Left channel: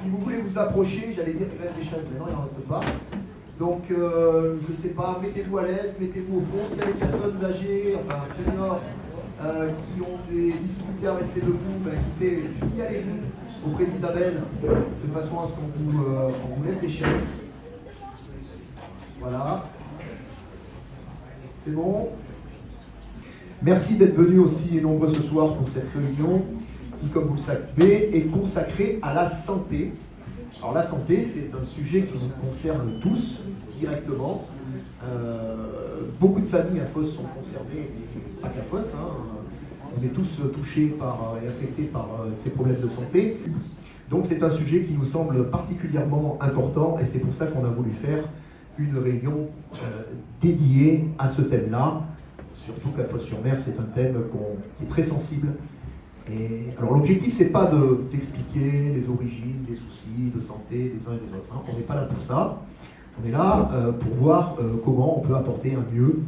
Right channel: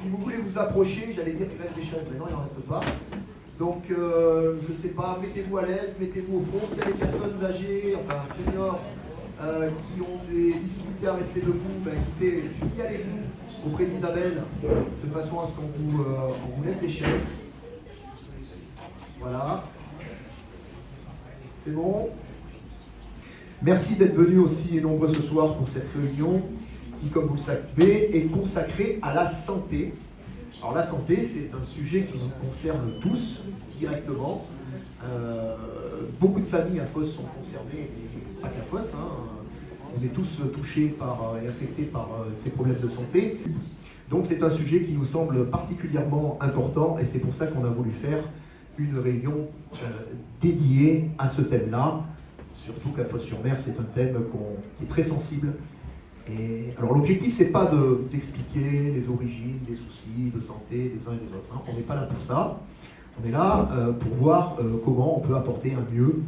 Si vous voulez vous approcher, j'allais dire qu'il reste des chaises, mais non, il n'en reste pas. Donc, je ne sais pas, mettez-vous à l'aise, mettez-vous au fond. S'il y a des personnes âgées, enfin seniors, qui ont des difficultés à rester debout, ben, écoutez, signalez-vous auprès d'Isabelle, de façon à ce qu'on vous laisse les chaises. Voilà. C'est bon. Merci d'être venus aussi nombreux ce soir pour cette réunion qui, comme vous le savez, est consacrée à la santé. Alors la santé, c'est un sujet qui nous concerne tous directement. Beaucoup de familles à Fos sont concernées, et pas qu'à Fos, hein. On est tous touchés et affectés par ces problèmes de santé. Donc c'est un sujet qui nous semble particulièrement important et c'est pour ça qu'on a voulu faire une réunion dédiée à ce thème-là. Surtout qu'à Fos-sur-Mer, c'est un thème qui est très sensible. Et alors l'objectif, c'est pas d'expliquer les origines des soucis de santé des uns et des autres. Hein. On n'est pas là pour ça. On est là pour voir comment on peut apporter un mieux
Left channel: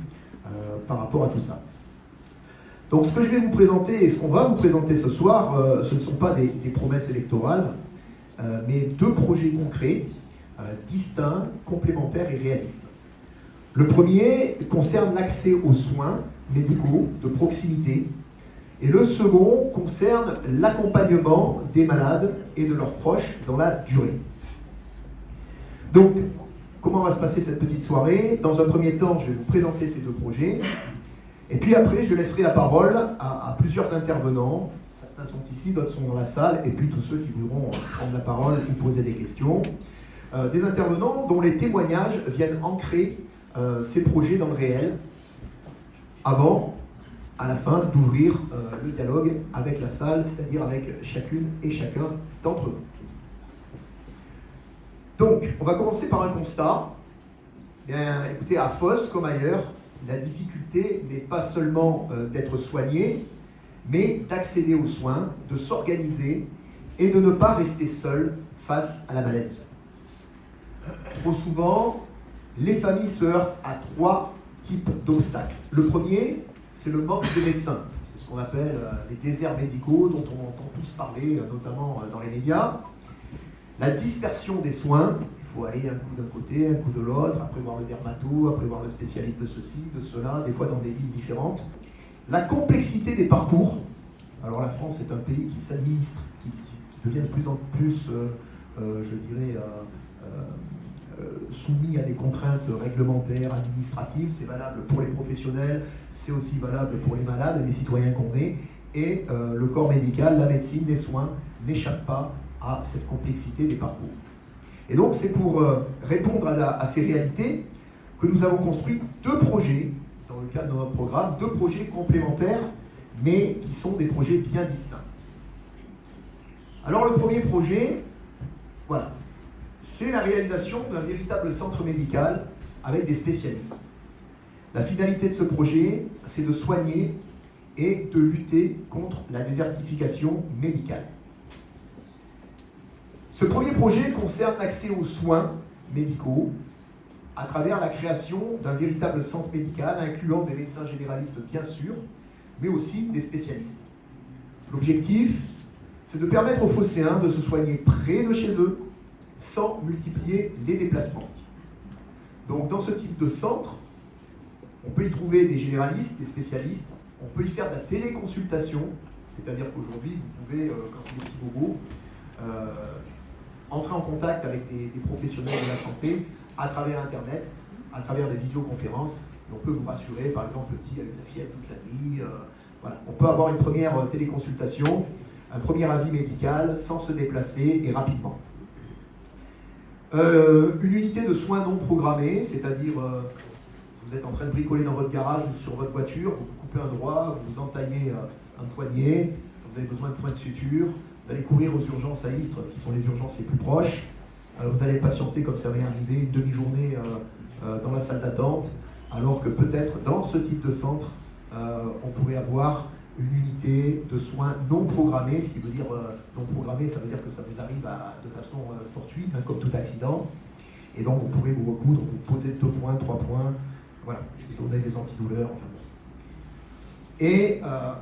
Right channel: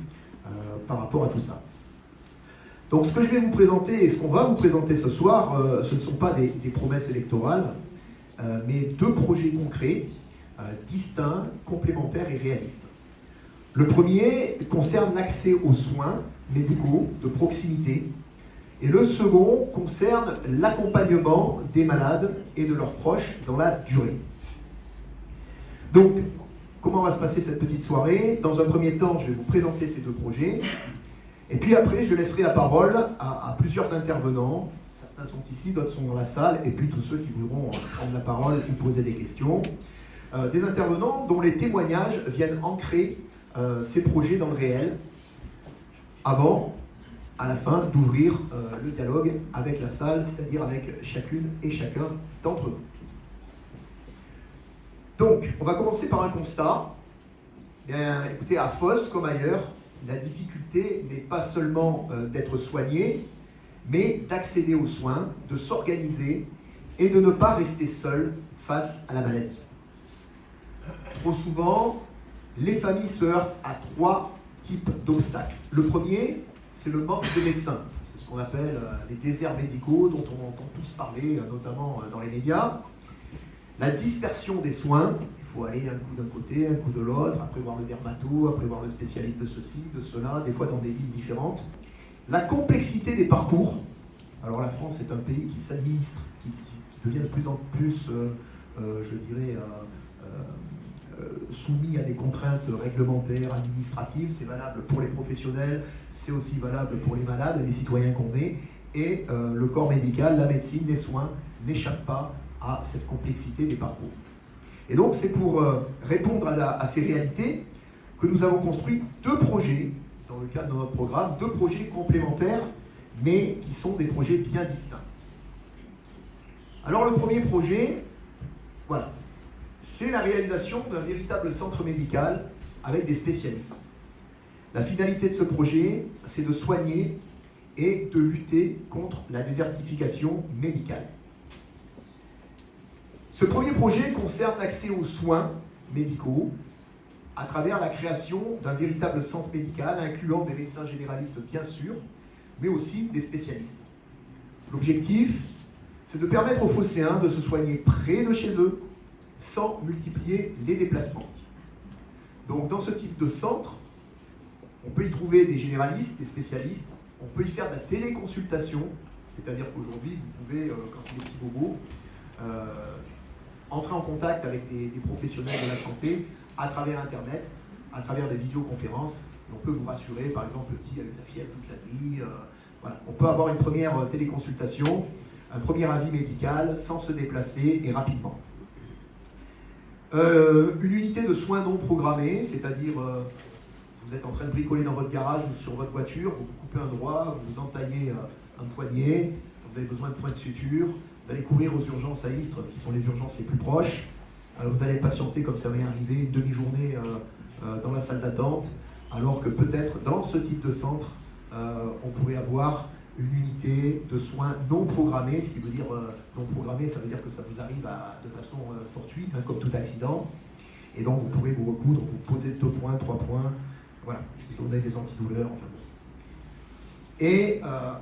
par rapport à tout ça. Donc ce que je vais vous présenter et ce qu'on va vous présenter ce soir, ce ne sont pas des promesses électorales, mais deux projets concrets, distincts, complémentaires et réalistes. Le premier concerne l'accès aux soins médicaux de proximité et le second concerne l'accompagnement des malades et de leurs proches dans la durée. Donc, comment va se passer cette petite soirée? Dans un premier temps, je vais vous présenter ces deux projets et puis après, je laisserai la parole à plusieurs intervenants. Certains sont ici, d'autres sont dans la salle et puis tous ceux qui voudront prendre la parole ou poser des questions. Des intervenants dont les témoignages viennent ancrer ces projets dans le réel, avant, à la fin, d'ouvrir le dialogue avec la salle, c'est-à-dire avec chacune et chacun d'entre nous. Donc, on va commencer par un constat. Bien, écoutez, à Fos, comme ailleurs, la difficulté n'est pas seulement d'être soigné, mais d'accéder aux soins, de s'organiser et de ne pas rester seul face à la maladie. Trop souvent, les familles se heurtent à trois types d'obstacles. Le premier, c'est le manque de médecins. C'est ce qu'on appelle les déserts médicaux, dont on entend tous parler, notamment dans les médias. La dispersion des soins, il faut aller un coup d'un côté, un coup de l'autre, après voir le dermato, après voir le spécialiste de ceci, de cela, des fois dans des villes différentes. La complexité des parcours. Alors la France est un pays qui s'administre, qui devient de plus en plus, je dirais, soumis à des contraintes réglementaires, administratives. C'est valable pour les professionnels, c'est aussi valable pour les malades, les citoyens qu'on est. Et le corps médical, la médecine, les soins n'échappent pas à cette complexité des parcours. Et donc c'est pour répondre à ces réalités que nous avons construit deux projets, dans le cadre de notre programme, deux projets complémentaires, mais qui sont des projets bien distincts. Alors le premier projet, voilà. C'est la réalisation d'un véritable centre médical avec des spécialistes. La finalité de ce projet, c'est de soigner et de lutter contre la désertification médicale. Ce premier projet concerne l'accès aux soins médicaux à travers la création d'un véritable centre médical incluant des médecins généralistes bien sûr, mais aussi des spécialistes. L'objectif, c'est de permettre aux Phocéens de se soigner près de chez eux, sans multiplier les déplacements. Donc dans ce type de centre, on peut y trouver des généralistes, des spécialistes, on peut y faire de la téléconsultation, c'est-à-dire qu'aujourd'hui, vous pouvez, quand c'est des petits bobos, entrer en contact avec des professionnels de la santé à travers Internet, à travers des visioconférences. Et on peut vous rassurer, par exemple, le petit avec la fièvre toute la nuit. Voilà. On peut avoir une première téléconsultation, un premier avis médical, sans se déplacer et rapidement. Une unité de soins non programmés, c'est-à-dire vous êtes en train de bricoler dans votre garage ou sur votre voiture, vous coupez un doigt, vous entaillez un poignet, vous avez besoin de points de suture, vous allez courir aux urgences à Istres, qui sont les urgences les plus proches, vous allez patienter, comme ça m'est arrivé, une demi-journée dans la salle d'attente, alors que peut-être dans ce type de centre, on pourrait avoir une unité de soins non programmée. Ce qui veut dire non programmée, ça veut dire que ça vous arrive de façon fortuite, hein, comme tout accident. Et donc vous pourrez vous recoudre, vous poser 2 points, 3 points, voilà, donner des antidouleurs. Enfin. Et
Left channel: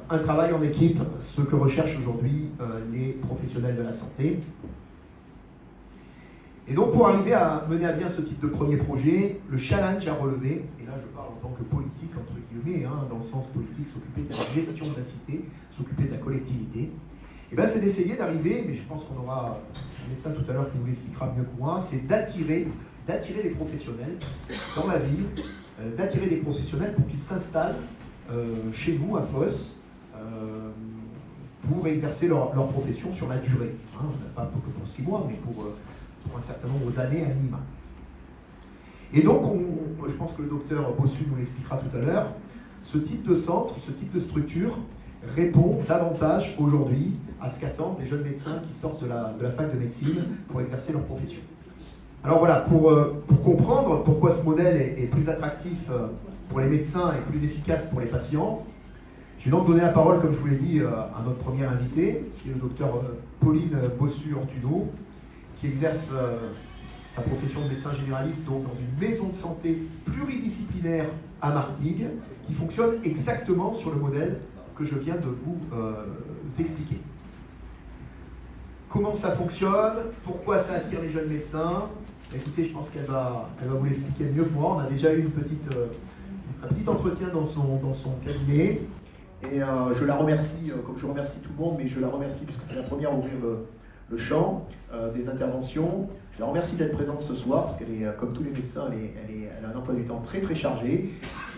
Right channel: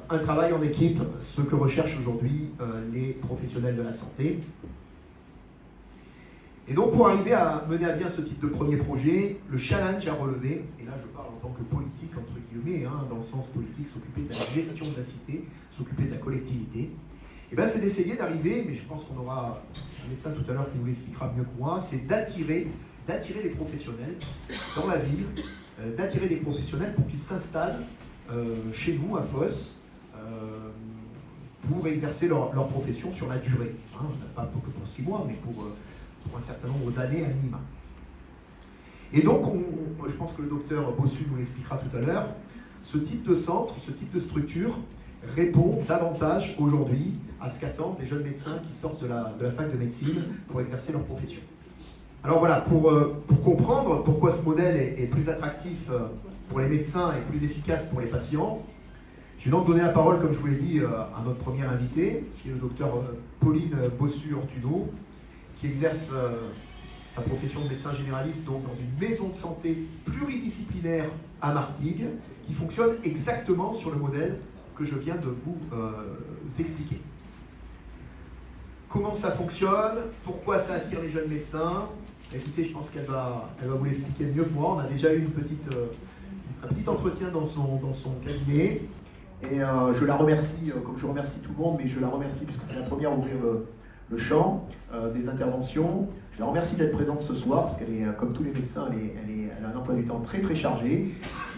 un travail en équipe, ce que recherchent aujourd'hui les professionnels de la santé. Et donc pour arriver à mener à bien ce type de premier projet, le challenge à relever, et là je parle en tant que politique entre guillemets, dans le sens politique, s'occuper de la gestion de la cité, s'occuper de la collectivité, et ben c'est d'essayer d'arriver, mais je pense qu'on aura un médecin tout à l'heure qui nous l'expliquera mieux que moi, c'est d'attirer des professionnels dans la ville, d'attirer des professionnels pour qu'ils s'installent chez nous à Fos pour exercer leur profession sur la durée. Pas que pour 6 mois, mais pour un certain nombre d'années à minima. Et donc, je pense que le docteur Bossu nous l'expliquera tout à l'heure, ce type de centre, ce type de structure répond davantage aujourd'hui à ce qu'attendent les jeunes médecins qui sortent de la fac de médecine pour exercer leur profession. Alors voilà, pour comprendre pourquoi ce modèle est plus attractif pour les médecins et plus efficace pour les patients, je vais donc donner la parole, comme je vous l'ai dit, à notre premier invité, qui est le docteur Pauline Bossu-Ortuno, qui exerce sa profession de médecin généraliste donc dans une maison de santé pluridisciplinaire à Martigues, qui fonctionne exactement sur le modèle que je viens de vous expliquer. Comment ça fonctionne? Pourquoi ça attire les jeunes médecins? Écoutez, je pense qu'elle va vous l'expliquer mieux que moi. On a déjà eu un petit entretien dans son cabinet. Et je la remercie, comme je remercie tout le monde, mais je la remercie puisque c'est la première à ouvrir le champ des interventions. Je la remercie d'être présente ce soir, parce qu'elle est, comme tous les médecins, elle a un emploi du temps très très chargé.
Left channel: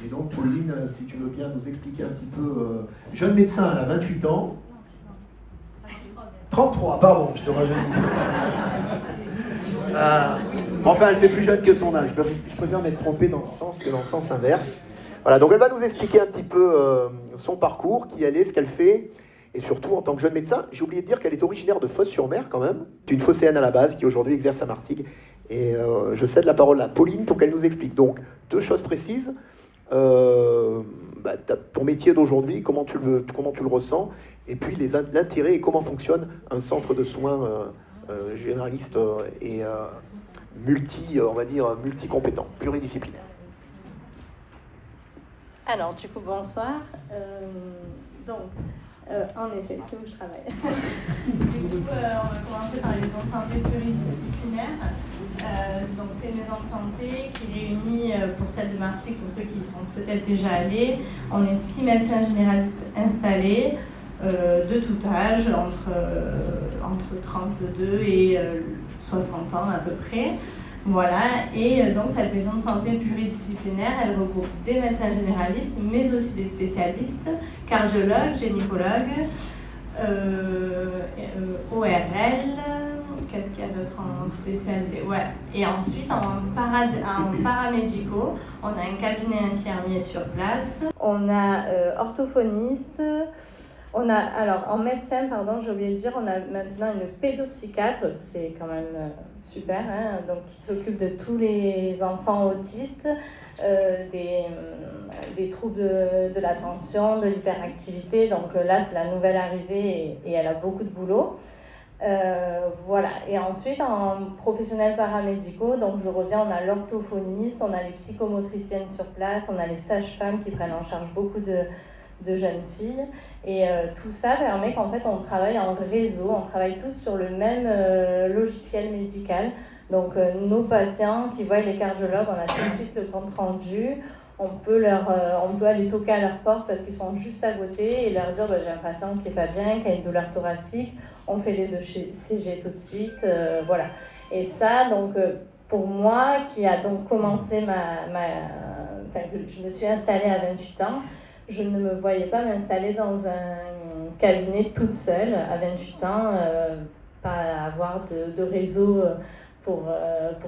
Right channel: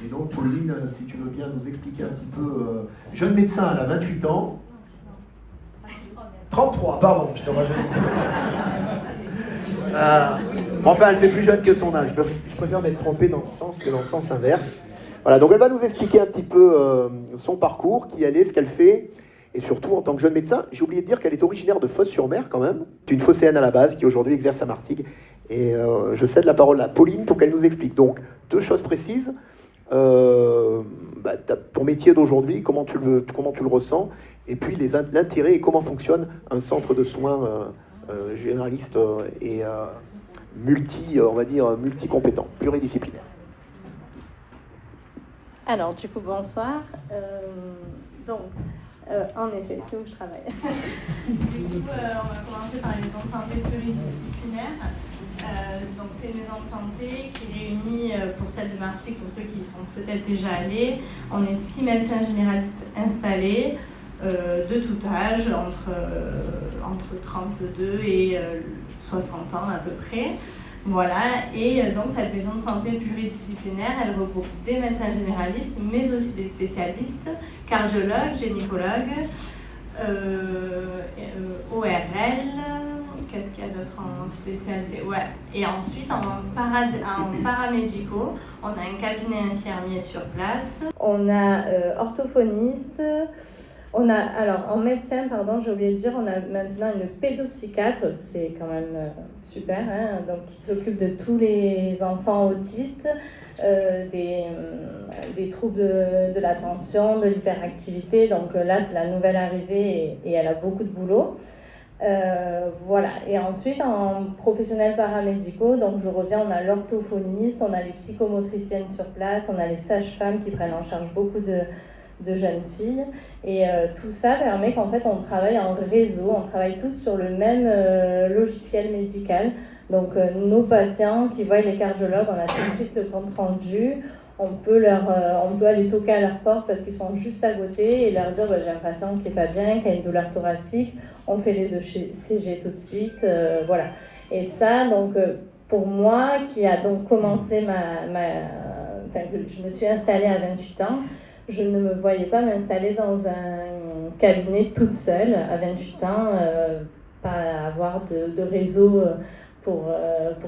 Et donc, Pauline, si tu veux bien nous expliquer un petit peu. Jeune médecin, elle a 28 ans. 33, pardon, je te rajoute. Enfin, elle fait plus jeune que son âge. Je préfère m'être trompé dans ce sens que dans le sens inverse. Voilà, donc elle va nous expliquer un petit peu son parcours, qui elle est, ce qu'elle fait, et surtout en tant que jeune médecin. J'ai oublié de dire qu'elle est originaire de Fos-sur-Mer quand même. C'est une phocéenne à la base qui aujourd'hui exerce à Martigues. Et je cède la parole à Pauline pour qu'elle nous explique. Donc, 2 choses précises. Ton métier d'aujourd'hui, comment tu le ressens, et puis l'intérêt et comment fonctionne un centre de soins généraliste et multi-compétent, pluridisciplinaire. Alors, du coup, bonsoir. En effet, c'est où je travaille. Du coup, on va commencer par les maisons de santé pluridisciplinaires. Donc, c'est une maison de santé qui réunit, pour celle de Martigues, pour ceux qui y sont peut-être déjà allés, on est 6 médecins généralistes installés, de tout âge, entre 32 et 60 ans à peu près. Voilà, et donc cette maison de santé pluridisciplinaire, elle regroupe des médecins généralistes, mais aussi des spécialistes, cardiologues, gynécologues, ORL, qu'est-ce qu'il y a d'autre en spécialité? Ouais. Et ensuite, en paramédicaux, on a un cabinet infirmier sur place, on a orthophoniste. En médecin, j'ai oublié de dire, on a maintenant une pédopsychiatre, c'est quand même super, donc qui s'occupe de tous les enfants autistes, des troubles de l'attention, de l'hyperactivité, donc là c'est la nouvelle arrivée et elle a beaucoup de boulot. Voilà, et ensuite en professionnels paramédicaux, donc je reviens, on a l'orthophoniste, on a les psychomotriciennes sur place, on a les sages-femmes qui prennent en charge beaucoup de jeunes filles, et tout ça permet qu'en fait on travaille en réseau, on travaille tous sur le même logiciel médical. Donc nos patients qui voient les cardiologues, on a tout de suite le compte rendu, on peut aller toquer à leur porte parce qu'ils sont juste à côté et leur dire j'ai un patient qui n'est pas bien, qui a une douleur thoracique, on fait les ECG tout de suite, voilà. Et ça, donc pour moi qui a donc commencé je me suis installée à 28 ans, je ne me voyais pas m'installer dans un cabinet toute seule à 28 ans, pas avoir de réseau pour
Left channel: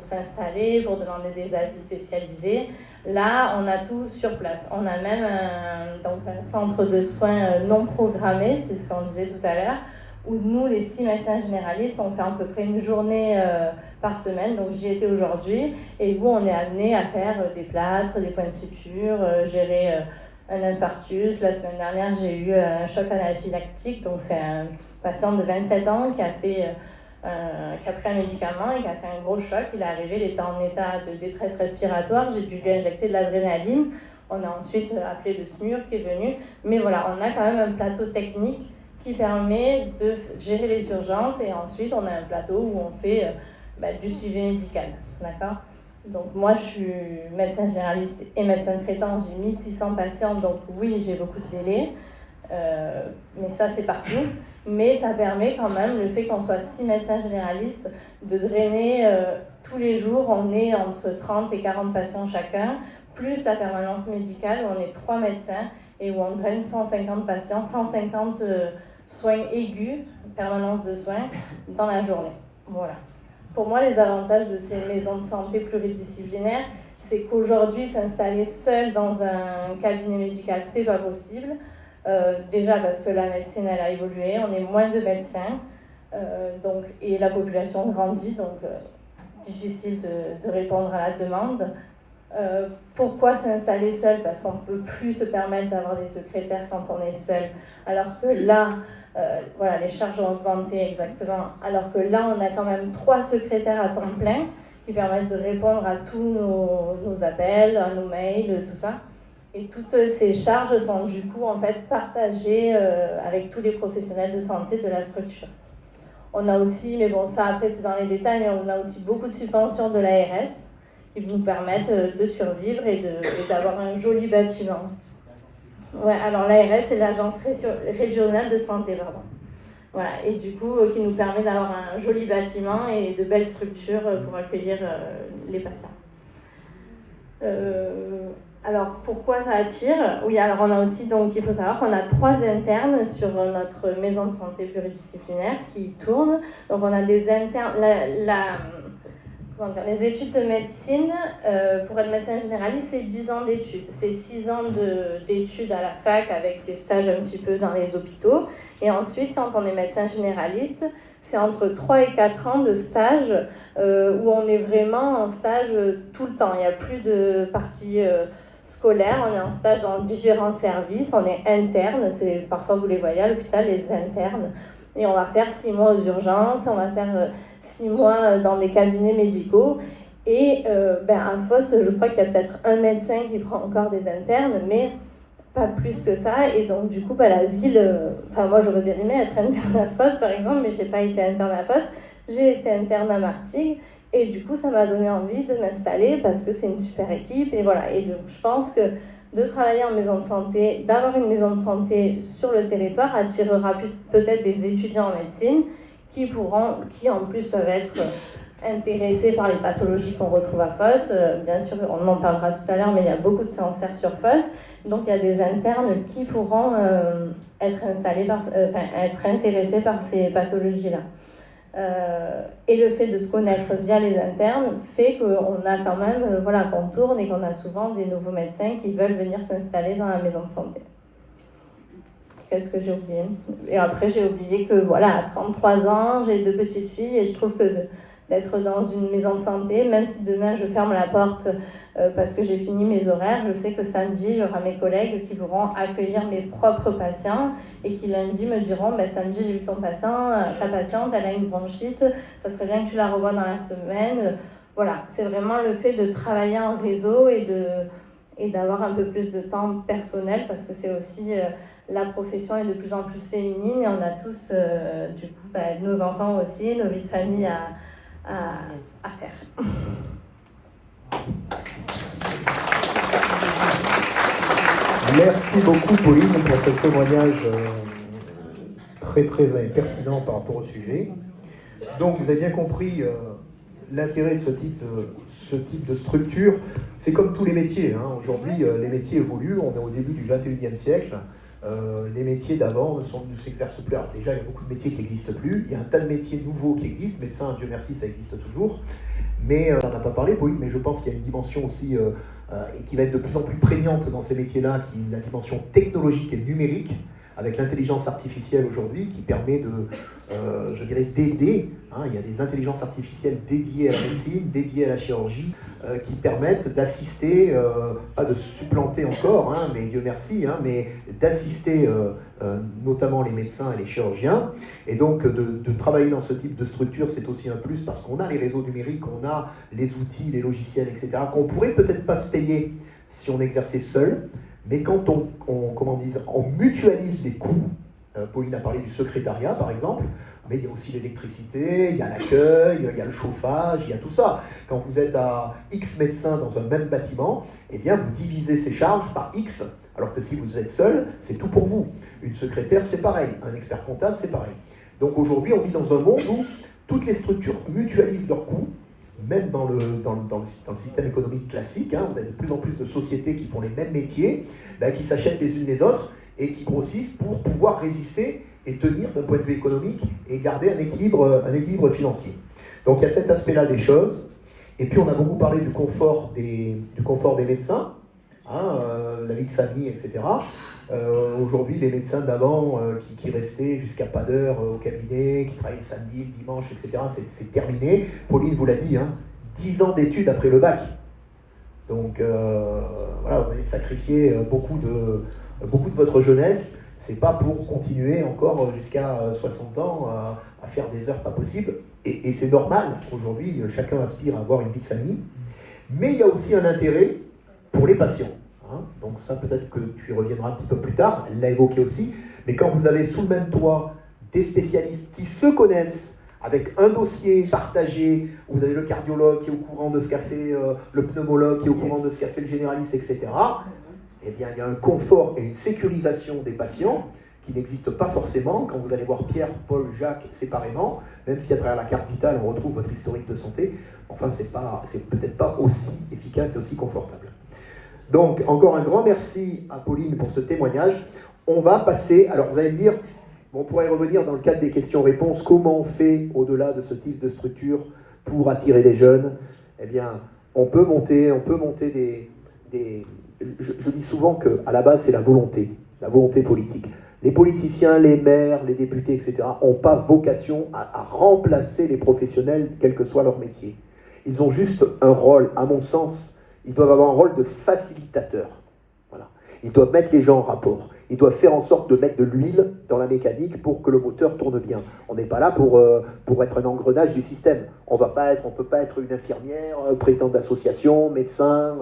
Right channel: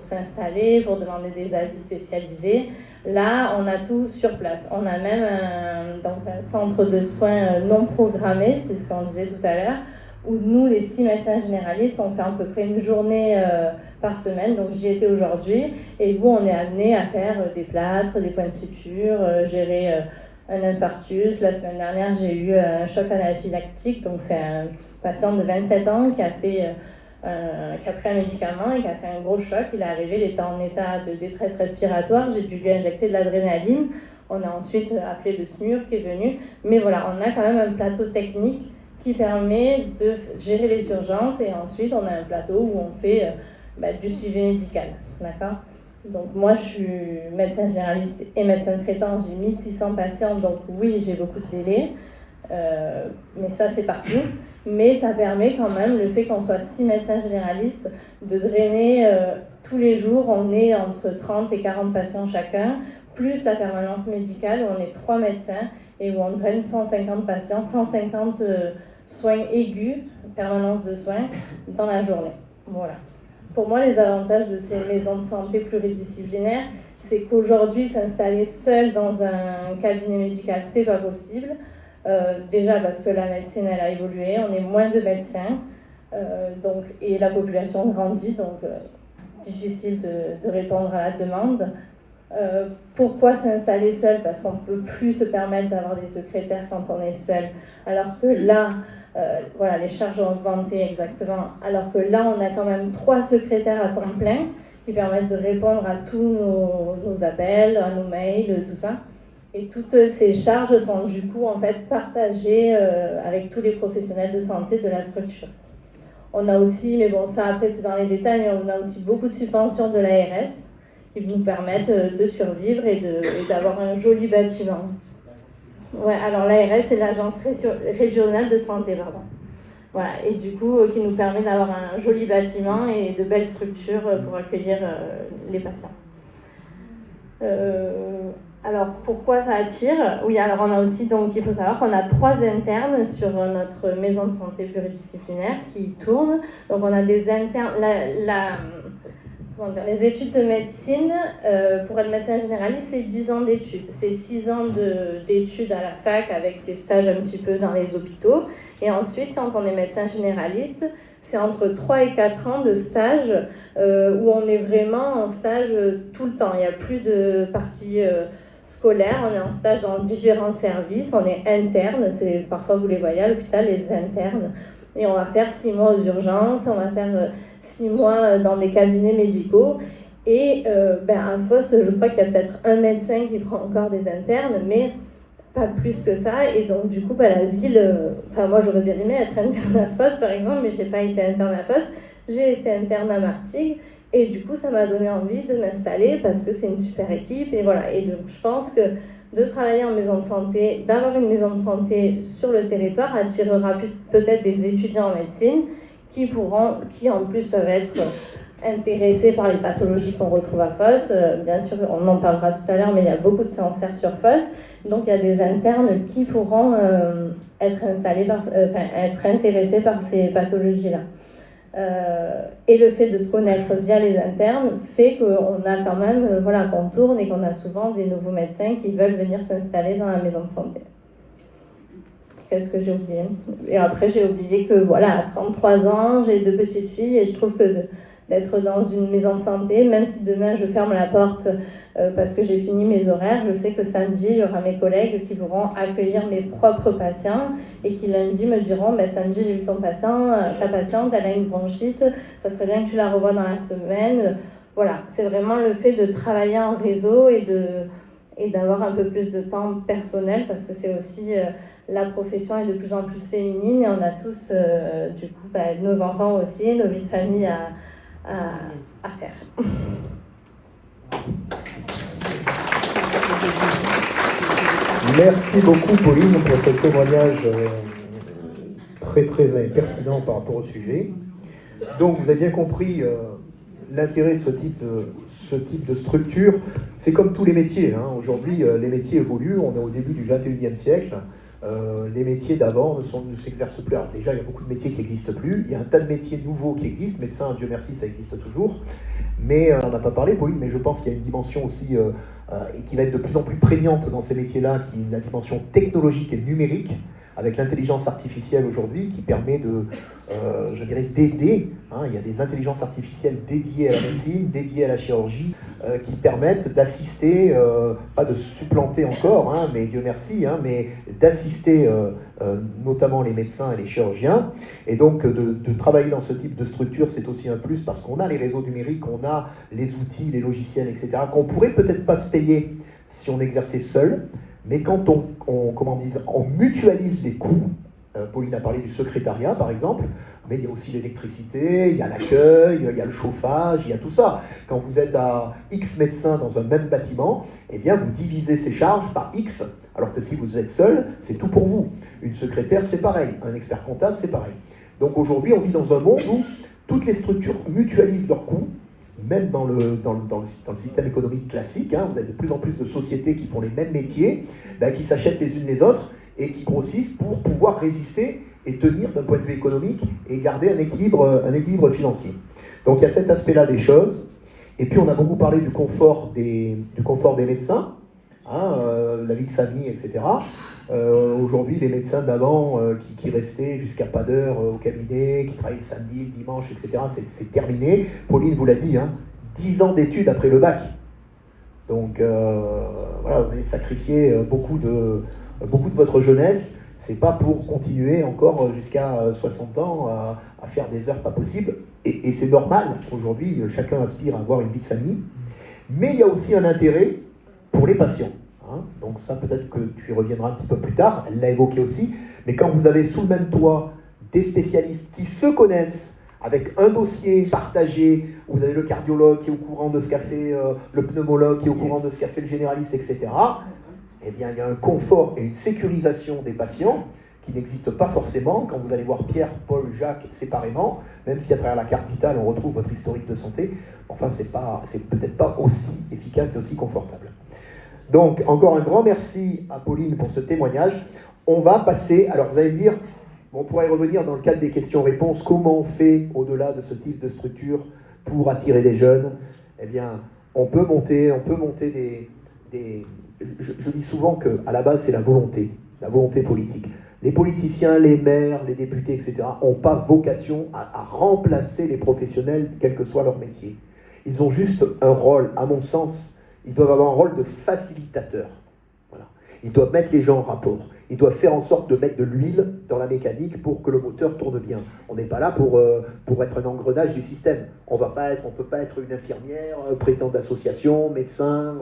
s'installer, pour demander des avis spécialisés. Là, on a tout sur place. On a même un centre de soins non programmé, c'est ce qu'on disait tout à l'heure, où nous, les 6 médecins généralistes, on fait à peu près une journée par semaine. Donc j'y étais aujourd'hui, et où on est amené à faire des plâtres, des points de suture, gérer un infarctus. La semaine dernière, j'ai eu un choc anaphylactique, donc c'est un patient de 27 ans qui a pris un médicament et qui a fait un gros choc. Il est arrivé, il était en état de détresse respiratoire, j'ai dû lui injecter de l'adrénaline. On a ensuite appelé le SMUR qui est venu, mais voilà, on a quand même un plateau technique qui permet de gérer les urgences, et ensuite on a un plateau où on fait du suivi médical, d'accord? Donc moi, je suis médecin généraliste et médecin traitant, j'ai 1600 patients, donc oui, j'ai beaucoup de délais, mais ça, c'est partout. Mais ça permet quand même, le fait qu'on soit 6 médecins généralistes, de drainer tous les jours, on est entre 30 et 40 patients chacun, plus la permanence médicale, où on est 3 médecins, et où on draine 150 patients, 150 soins aigus, permanence de soins, dans la journée. Voilà. Pour moi, les avantages de ces maisons de santé pluridisciplinaires, c'est qu'aujourd'hui, s'installer seul dans un cabinet médical, c'est pas possible. Déjà parce que la médecine, elle a évolué, on est moins de médecins, et la population grandit, donc difficile de répondre à la demande. Pourquoi s'installer seul? Parce qu'on ne peut plus se permettre d'avoir des secrétaires quand on est seul. Alors que là, voilà, les charges ont augmenté exactement. Alors que là, on a quand même 3 secrétaires à temps plein qui permettent de répondre à tous nos appels, à nos mails, tout ça. Et toutes ces charges sont du coup en fait partagées avec tous les professionnels de santé de la structure. On a aussi, mais bon ça après c'est dans les détails, mais on a aussi beaucoup de subventions de l'ARS qui nous permettent de survivre et d'avoir un joli bâtiment. Ouais, alors l'ARS c'est l'agence régionale de santé, pardon. Voilà, et du coup qui nous permet d'avoir un joli bâtiment et de belles structures pour accueillir les patients. Alors, pourquoi ça attire? Oui, alors on a aussi, donc il faut savoir qu'on a 3 internes sur notre maison de santé pluridisciplinaire qui tournent. Donc on a des internes, les études de médecine, pour être médecin généraliste, c'est 10 ans d'études. C'est 6 ans d'études à la fac avec des stages un petit peu dans les hôpitaux. Et ensuite, quand on est médecin généraliste, c'est entre 3 et 4 ans de stage où on est vraiment en stage tout le temps. Il n'y a plus de partie scolaire, on est en stage dans différents services, on est interne, parfois vous les voyez à l'hôpital, les internes. Et on va faire 6 mois aux urgences, on va faire 6 mois dans des cabinets médicaux. Et à FOS, je crois qu'il y a peut-être un médecin qui prend encore des internes, mais pas plus que ça. Et donc, du coup, la ville... moi, j'aurais bien aimé être interne à FOS, par exemple, mais je n'ai pas été interne à FOS. J'ai été interne à Martigues. Et du coup, ça m'a donné envie de m'installer parce que c'est une super équipe. Et voilà. Et donc, je pense que de travailler en maison de santé, d'avoir une maison de santé sur le territoire attirera peut-être des étudiants en médecine qui en plus peuvent être intéressés par les pathologies qu'on retrouve à FOS. Bien sûr, on en parlera tout à l'heure, mais il y a beaucoup de cancers sur FOS. Donc, il y a des internes qui pourront être intéressés par ces pathologies-là. Et le fait de se connaître via les internes fait qu'on a quand même, qu'on tourne et qu'on a souvent des nouveaux médecins qui veulent venir s'installer dans la maison de santé. Qu'est-ce que j'ai oublié? Et après, j'ai oublié que, à 33 ans, j'ai 2 petites filles et je trouve que d'être dans une maison de santé, même si demain je ferme la porte parce que j'ai fini mes horaires, je sais que samedi, il y aura mes collègues qui pourront accueillir mes propres patients et qui lundi me diront samedi, j'ai vu ta patiente, elle a une bronchite, ça serait bien que tu la revoies dans la semaine. Voilà, c'est vraiment le fait de travailler en réseau et d'avoir un peu plus de temps personnel parce que c'est aussi... la profession est de plus en plus féminine et on a tous, nos enfants aussi, nos vies de famille à faire. Merci beaucoup Pauline pour ce témoignage très très pertinent par rapport au sujet. Donc vous avez bien compris l'intérêt de ce type de structure. C'est comme tous les métiers. Aujourd'hui, les métiers évoluent, on est au début du 21e siècle. Les métiers d'avant ne s'exercent plus. Alors déjà, il y a beaucoup de métiers qui n'existent plus. Il y a un tas de métiers nouveaux qui existent. Médecin, Dieu merci, ça existe toujours. Mais on n'a pas parlé, Pauline, mais je pense qu'il y a une dimension aussi et qui va être de plus en plus prégnante dans ces métiers-là, qui est la dimension technologique et numérique, avec l'intelligence artificielle aujourd'hui, qui permet d'aider. Il y a des intelligences artificielles dédiées à la médecine, dédiées à la chirurgie, qui permettent d'assister, pas de supplanter encore, mais Dieu merci, mais d'assister notamment les médecins et les chirurgiens. Et donc de travailler dans ce type de structure, c'est aussi un plus parce qu'on a les réseaux numériques, on a les outils, les logiciels, etc., qu'on pourrait peut-être pas se payer si on exerçait seul, mais quand on mutualise les coûts, Pauline a parlé du secrétariat, par exemple, mais il y a aussi l'électricité, il y a l'accueil, il y a le chauffage, il y a tout ça. Quand vous êtes à X médecins dans un même bâtiment, eh bien, vous divisez ces charges par X, alors que si vous êtes seul, c'est tout pour vous. Une secrétaire, c'est pareil. Un expert comptable, c'est pareil. Donc aujourd'hui, on vit dans un monde où toutes les structures mutualisent leurs coûts, même dans le système économique classique. Hein, on a de plus en plus de sociétés qui font les mêmes métiers, qui s'achètent les unes les autres et qui grossissent pour pouvoir résister et tenir d'un point de vue économique et garder un équilibre financier. Donc il y a cet aspect-là des choses. Et puis on a beaucoup parlé du confort des médecins, hein, la vie de famille, etc. Aujourd'hui, les médecins d'avant qui restaient jusqu'à pas d'heure au cabinet, qui travaillaient le samedi, le dimanche, etc., c'est terminé. Pauline vous l'a dit, hein, 10 ans d'études après le bac. Donc voilà, vous avez sacrifié beaucoup de votre jeunesse. C'est pas pour continuer encore jusqu'à 60 ans à faire des heures pas possibles. Et c'est normal. Aujourd'hui, chacun aspire à avoir une vie de famille. Mais il y a aussi un intérêt pour les patients. Hein. Donc ça, peut-être que tu y reviendras un petit peu plus tard. Elle l'a évoqué aussi. Mais quand vous avez sous le même toit des spécialistes qui se connaissent, avec un dossier partagé, vous avez le cardiologue qui est au courant de ce qu'a fait le pneumologue, qui est au courant de ce qu'a fait le généraliste, etc., eh bien, il y a un confort et une sécurisation des patients qui n'existe pas forcément quand vous allez voir Pierre, Paul, Jacques séparément, même si à travers la carte vitale on retrouve votre historique de santé. Enfin, c'est peut-être pas aussi efficace et aussi confortable. Donc, encore un grand merci à Pauline pour ce témoignage. On va passer, alors vous allez me dire, on pourrait revenir dans le cadre des questions-réponses, comment on fait au-delà de ce type de structure pour attirer des jeunes. Eh bien, on peut monter des je dis souvent qu'à la base, c'est la volonté politique. Les politiciens, les maires, les députés, etc., n'ont pas vocation à remplacer les professionnels, quel que soit leur métier. Ils ont juste un rôle, à mon sens, ils doivent avoir un rôle de facilitateur. Voilà. Ils doivent mettre les gens en rapport. Ils doivent faire en sorte de mettre de l'huile dans la mécanique pour que le moteur tourne bien. On n'est pas là pour être un engrenage du système. On ne peut pas être une infirmière, président d'association, médecin,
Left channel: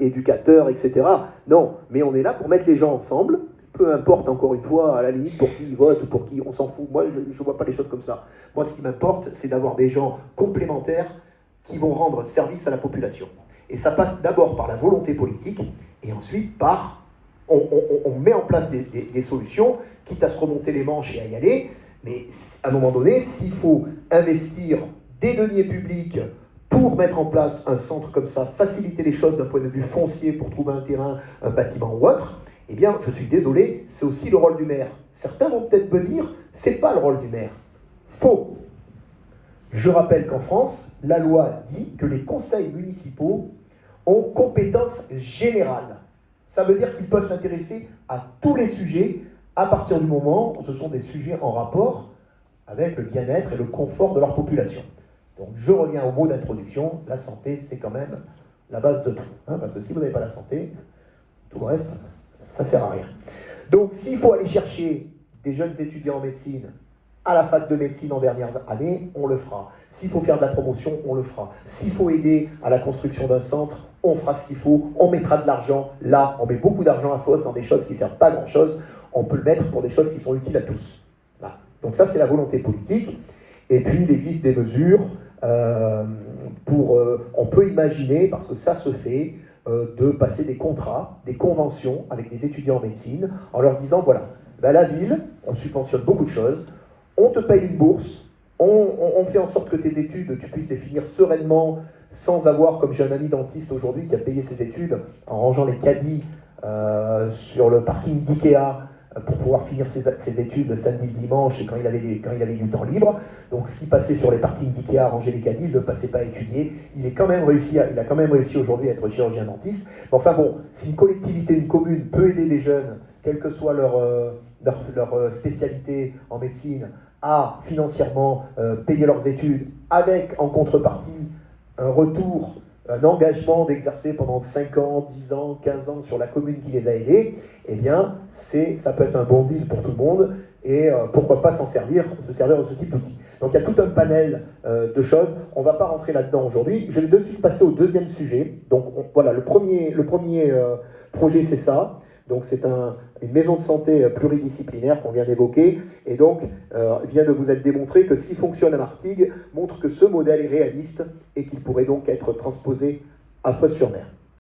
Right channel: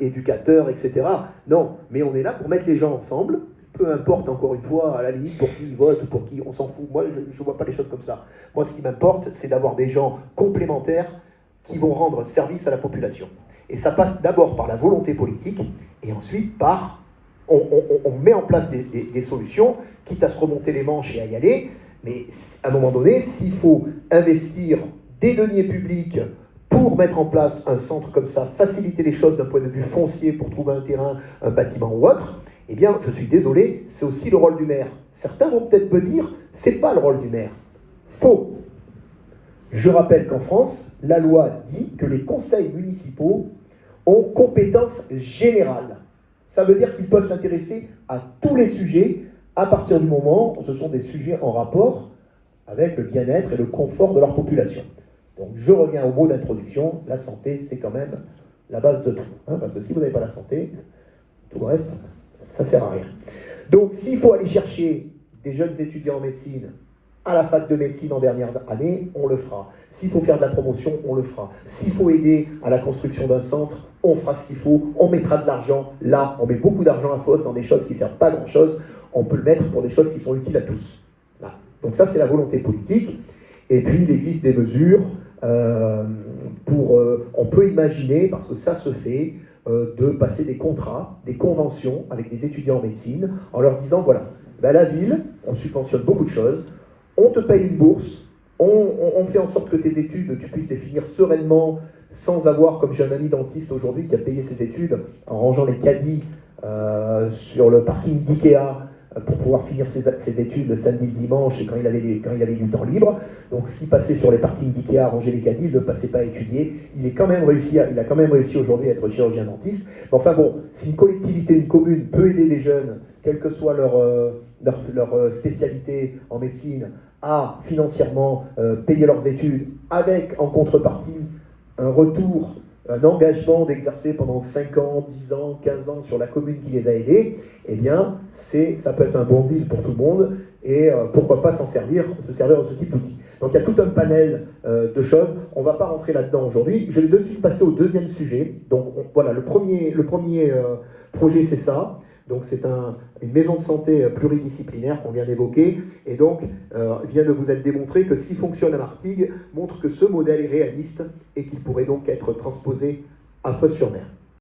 éducateur, etc. Non, mais on est là pour mettre les gens ensemble, peu importe, encore une fois, à la limite, pour qui ils votent ou pour qui, on s'en fout. Moi, je ne vois pas les choses comme ça. Moi, ce qui m'importe, c'est d'avoir des gens complémentaires qui vont rendre service à la population. Et ça passe d'abord par la volonté politique, et ensuite par... On met en place des solutions, quitte à se remonter les manches et à y aller, mais à un moment donné, s'il faut investir des deniers publics pour mettre en place un centre comme ça, faciliter les choses d'un point de vue foncier pour trouver un terrain, un bâtiment ou autre, eh bien, je suis désolé, c'est aussi le rôle du maire. Certains vont peut-être me dire, c'est pas le rôle du maire. Faux. Je rappelle qu'en France, la loi dit que les conseils municipaux ont compétence générale. Ça veut dire qu'ils peuvent s'intéresser à tous les sujets à partir du moment où ce sont des sujets en rapport avec le bien-être et le confort de leur population. Donc je reviens au mot d'introduction, la santé c'est quand même la base de tout. Hein, parce que si vous n'avez pas la santé, tout le reste, ça ne sert à rien. Donc s'il faut aller chercher des jeunes étudiants en médecine à la fac de médecine en dernière année, on le fera. S'il faut faire de la promotion, on le fera. S'il faut aider à la construction d'un centre, on fera ce qu'il faut, on mettra de l'argent là, on met beaucoup d'argent à fausse dans des choses qui ne servent pas à grand chose, on peut le mettre pour des choses qui sont utiles à tous. Là. Donc ça c'est la volonté politique, et puis il existe des mesures on peut imaginer, parce que ça se fait, de passer des contrats, des conventions avec des étudiants en médecine, en leur disant voilà, ben la ville, on subventionne beaucoup de choses, on te paye une bourse, on fait en sorte que tes études, tu puisses les finir sereinement, sans avoir, comme j'ai un ami dentiste aujourd'hui qui a payé ses études en rangeant les caddies sur le parking d'Ikea pour pouvoir finir ses études le samedi, le dimanche et quand il avait du temps libre. Donc ce qui passait sur les parkings d'Ikea à ranger les caddies, il ne passait pas à étudier. Il a quand même réussi aujourd'hui à être chirurgien dentiste. Mais enfin bon, si une collectivité, une commune peut aider les jeunes, quelle que soit leur spécialité en médecine, à financièrement payer leurs études avec en contrepartie un retour, un engagement d'exercer pendant 5 ans, 10 ans, 15 ans sur la commune qui les a aidés, eh bien, ça peut être un bon deal pour tout le monde, et pourquoi pas se servir de ce type d'outil. Donc il y a tout un panel de choses, on ne va pas rentrer là-dedans aujourd'hui. Je vais de suite passer au deuxième sujet. Donc voilà, le premier projet c'est ça. Donc c'est une maison de santé pluridisciplinaire qu'on vient d'évoquer, et donc vient de vous être démontré que ce qui fonctionne à Martigues montre que ce modèle est réaliste et qu'il pourrait donc être transposé à Fos-sur-Mer.